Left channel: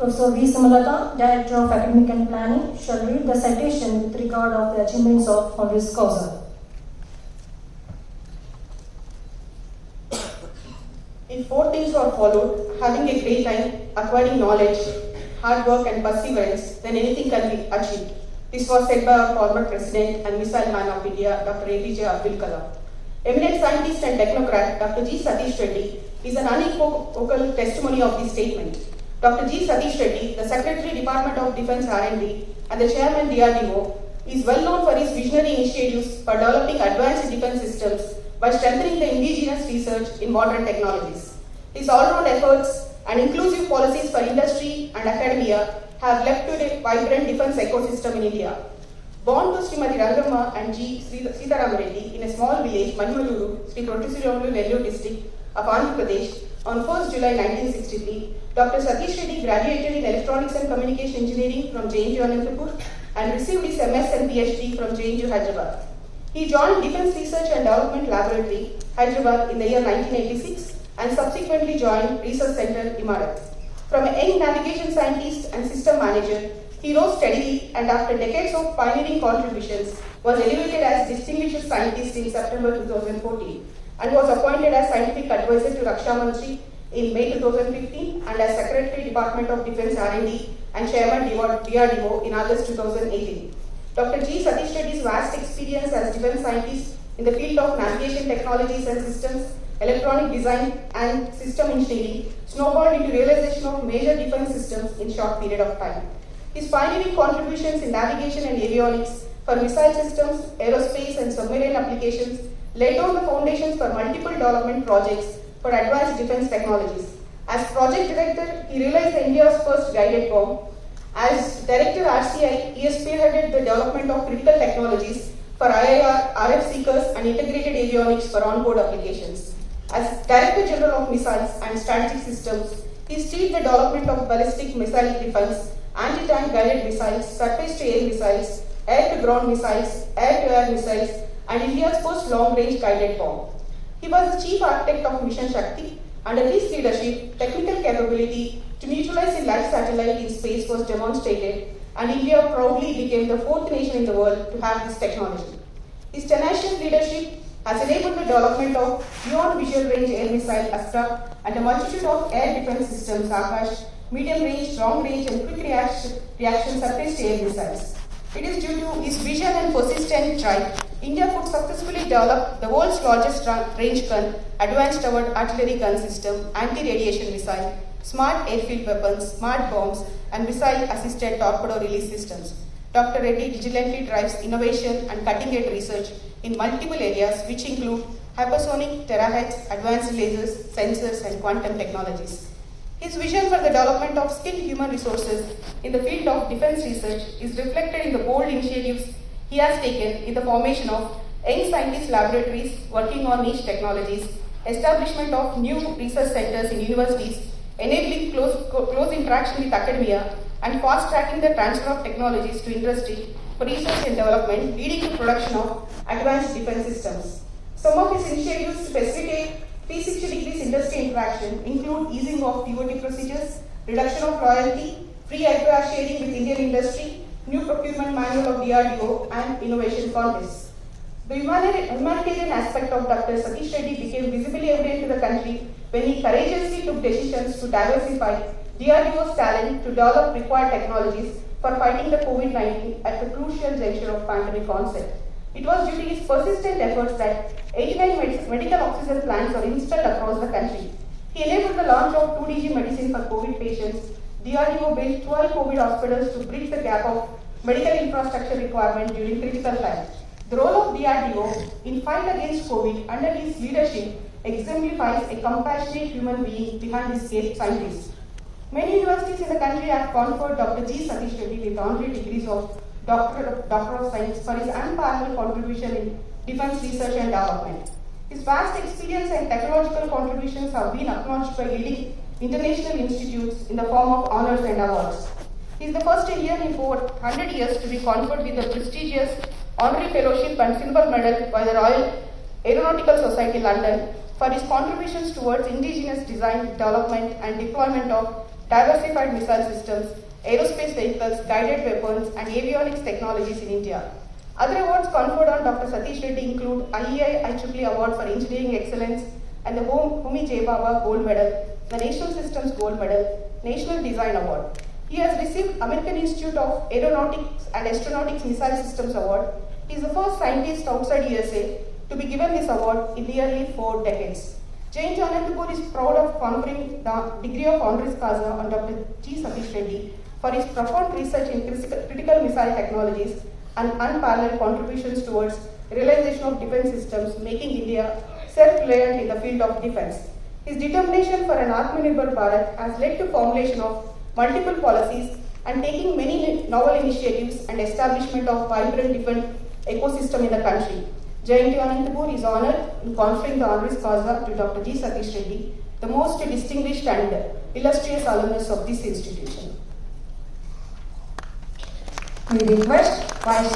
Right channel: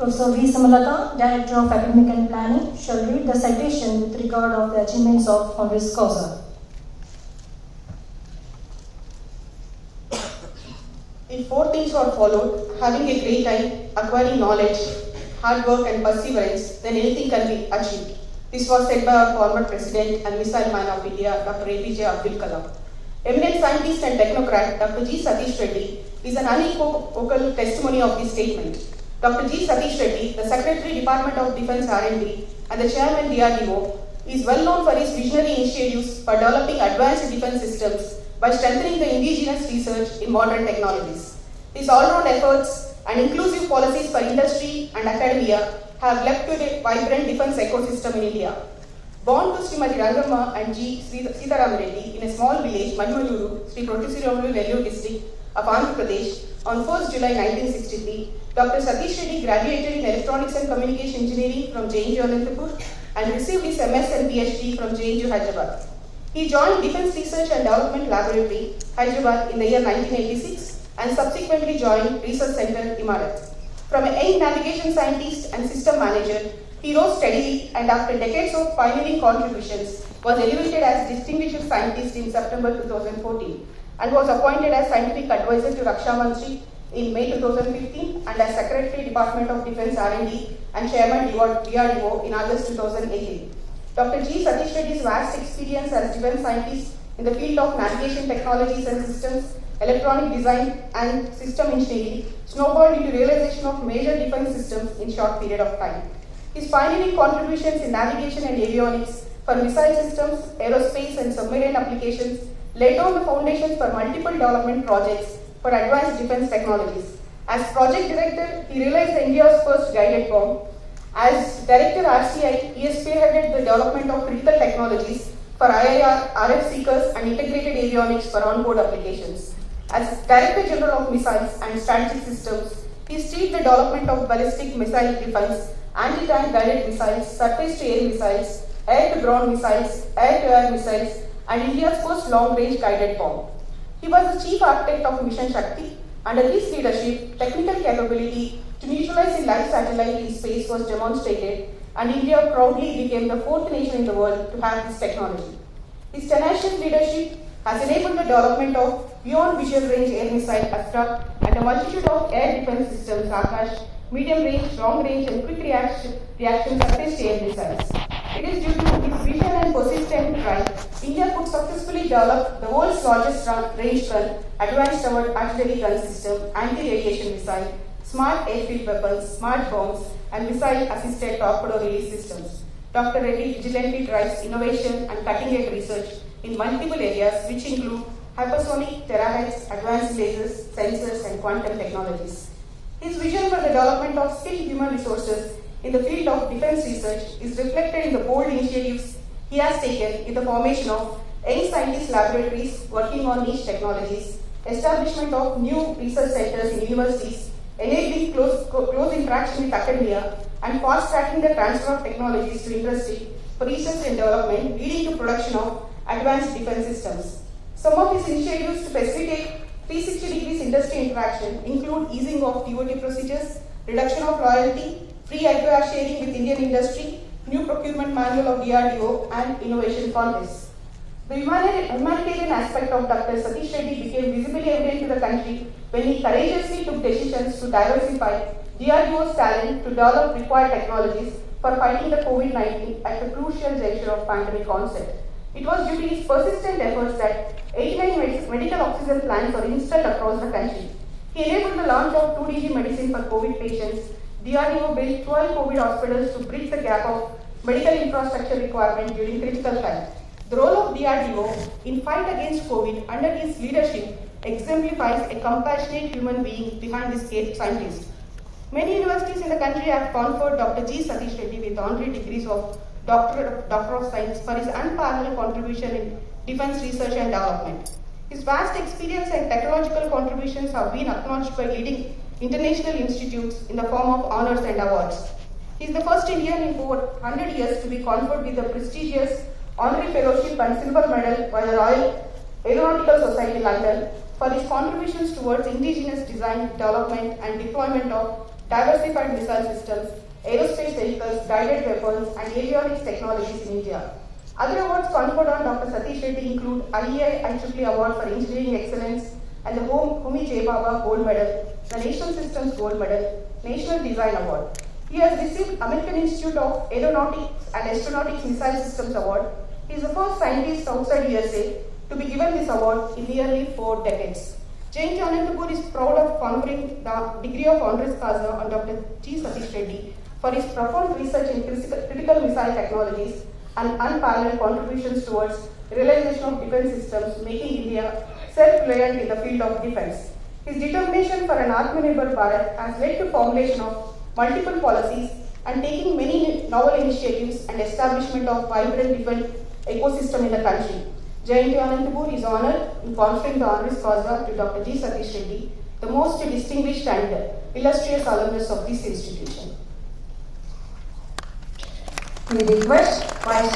Professor V. Samalata, Director of Academic and Planning, shall read the citation with regard of the achievements of honoris causa. If 4 things are followed, having a great time, acquiring knowledge, hard work and perseverance, then anything can be achieved. This was said by our former President and Missile Man of India, Dr. APJ Abdul Kalam. Eminent scientist and technocrat Dr. G. Sateesh Reddy is an unequivocal testimony of this statement. Dr. G. Sateesh Reddy, the Secretary Department of Defence R&D and the Chairman DRDO, is well known for his visionary initiatives for developing advanced defence systems by strengthening the indigenous research in modern technologies. His all-round efforts and inclusive policies for industry and academia have led to a vibrant defence ecosystem in India. Born to Srimati Rangamma and G. Sitaram Reddy in a small village, Manmaluru, Sri Protisiramulu, Vellore district of Andhra Pradesh, on 1st July 1963, Dr. Sateesh Reddy graduated in Electronics and Communication Engineering from JNU Anantapur and received his MS and PhD from JNU Hyderabad. He joined Defence Research and Development Laboratory, Hyderabad in the year 1986 and subsequently joined Research Center, Imarat. From a young navigation scientist and system manager, he rose steadily and after decades of pioneering contributions was elevated as Distinguished Scientist in September 2014 and was appointed as Scientific Advisor to Raksha Mantri in May 2015 and as Secretary Department of Defence R&D and Chairman DRDO in August 2018. Dr. G. Sateesh Reddy's vast experience as defence scientist in the field of navigation technologies and systems, electronic design and system engineering snowballed into realization of major defence systems in short period of time. His pioneering contributions in navigation and avionics for missile systems, aerospace and submarine applications laid down the foundations for multiple development projects for advanced defence technologies. As project director, he realized India's first guided bomb. As Director RCI, he has spearheaded the development of critical technologies for IIR, RF seekers and integrated avionics for onboard applications. As Director General of Missiles and Strategic Systems, he steered the development of ballistic missile defense, anti-tank guided missiles, surface-to-air missiles, air-to-ground missiles, air-to-air missiles, and India's first long-range guided bomb. He was the chief architect of Mission Shakti. Under his leadership, technical capability to neutralize a live satellite in space was demonstrated, and India proudly became the 4th nation in the world to have this technology. His tenacious leadership has enabled the development of beyond visual range air missile Astra and a multitude of air defense systems Akash, medium range, long range and quick reaction surface to air missiles. It is due to his vision and persistent drive, India could successfully develop the world's largest range gun, advanced artillery gun system, anti-radiation missile, smart airfield weapons, smart bombs, and missile-assisted torpedo release systems. Dr. Reddy vigilantly drives innovation and cutting-edge research in multiple areas which include hypersonic, terahertz, advanced lasers, sensors, and quantum technologies. His vision for the development of skilled human resources in the field of defense research is reflected in the bold initiatives he has taken in the formation of young scientist laboratories working on niche technologies, establishment of new research centers in universities, enabling close interaction with academia, and fast-tracking the transfer of technologies to industry for research and development, leading to production of advanced defense systems. Some of his initiatives to facilitate 360 degrees industry interaction include easing of TOT procedures, reduction of royalty, free aircraft sharing with Indian industry, new procurement manual of DRDO, and innovation contests. The humanitarian aspect of Dr. Sateesh Reddy became visibly evident to the country when he courageously took decisions to diversify DRDO's talent to develop required technologies for fighting the COVID-19 at the crucial juncture of pandemic onset. It was due to his persistent efforts that 89 medical oxygen plants were installed across the country. He enabled the launch of 2DG medicine for COVID patients. DRDO built 12 COVID hospitals to bridge the gap of medical infrastructure requirement during critical time. The role of DRDO in fight against COVID under his leadership exemplifies a compassionate human being behind this great scientist. Many universities in the country have conferred Dr. G. Sateesh Reddy with honorary degrees of Doctor of Science for his unparalleled contribution in defense research and development. His vast experience and technological contributions have been acknowledged by leading international institutes in the form of honors and awards. He is the first Indian in over 100 years to be conferred with the prestigious honorary fellowship and silver medal by the Royal Aeronautical Society London for his contributions towards indigenous design, development and deployment of diversified missile systems, aerospace vehicles, guided weapons, and avionics technologies in India. Other awards conferred on Dr. Sateesh Reddy include IEI IEEE Award for Engineering Excellence and the Homi J. Baba Gold Medal, the National Systems Gold Medal, National Design Award. He has received American Institute of Aeronautics and Astronautics Missile Systems Award. He is the first scientist outside USA to be given this award in nearly 4 decades. JNT Anantapur is proud of conferring the degree of honoris causa on Dr. G. Sateesh Reddy for his profound research in critical missile technologies and unparalleled contributions towards realization of defense systems, making India self-reliant in the field of defense. His determination for an Atmanirbhar Bharat has led to formulation of multiple policies and taking many novel initiatives and establishment of vibrant defense ecosystem in the country. JNT Anantapur is honoured in conferring the honoris causa to Dr. G. Sateesh Reddy, the most distinguished and illustrious alumnus of this institution. We request Vice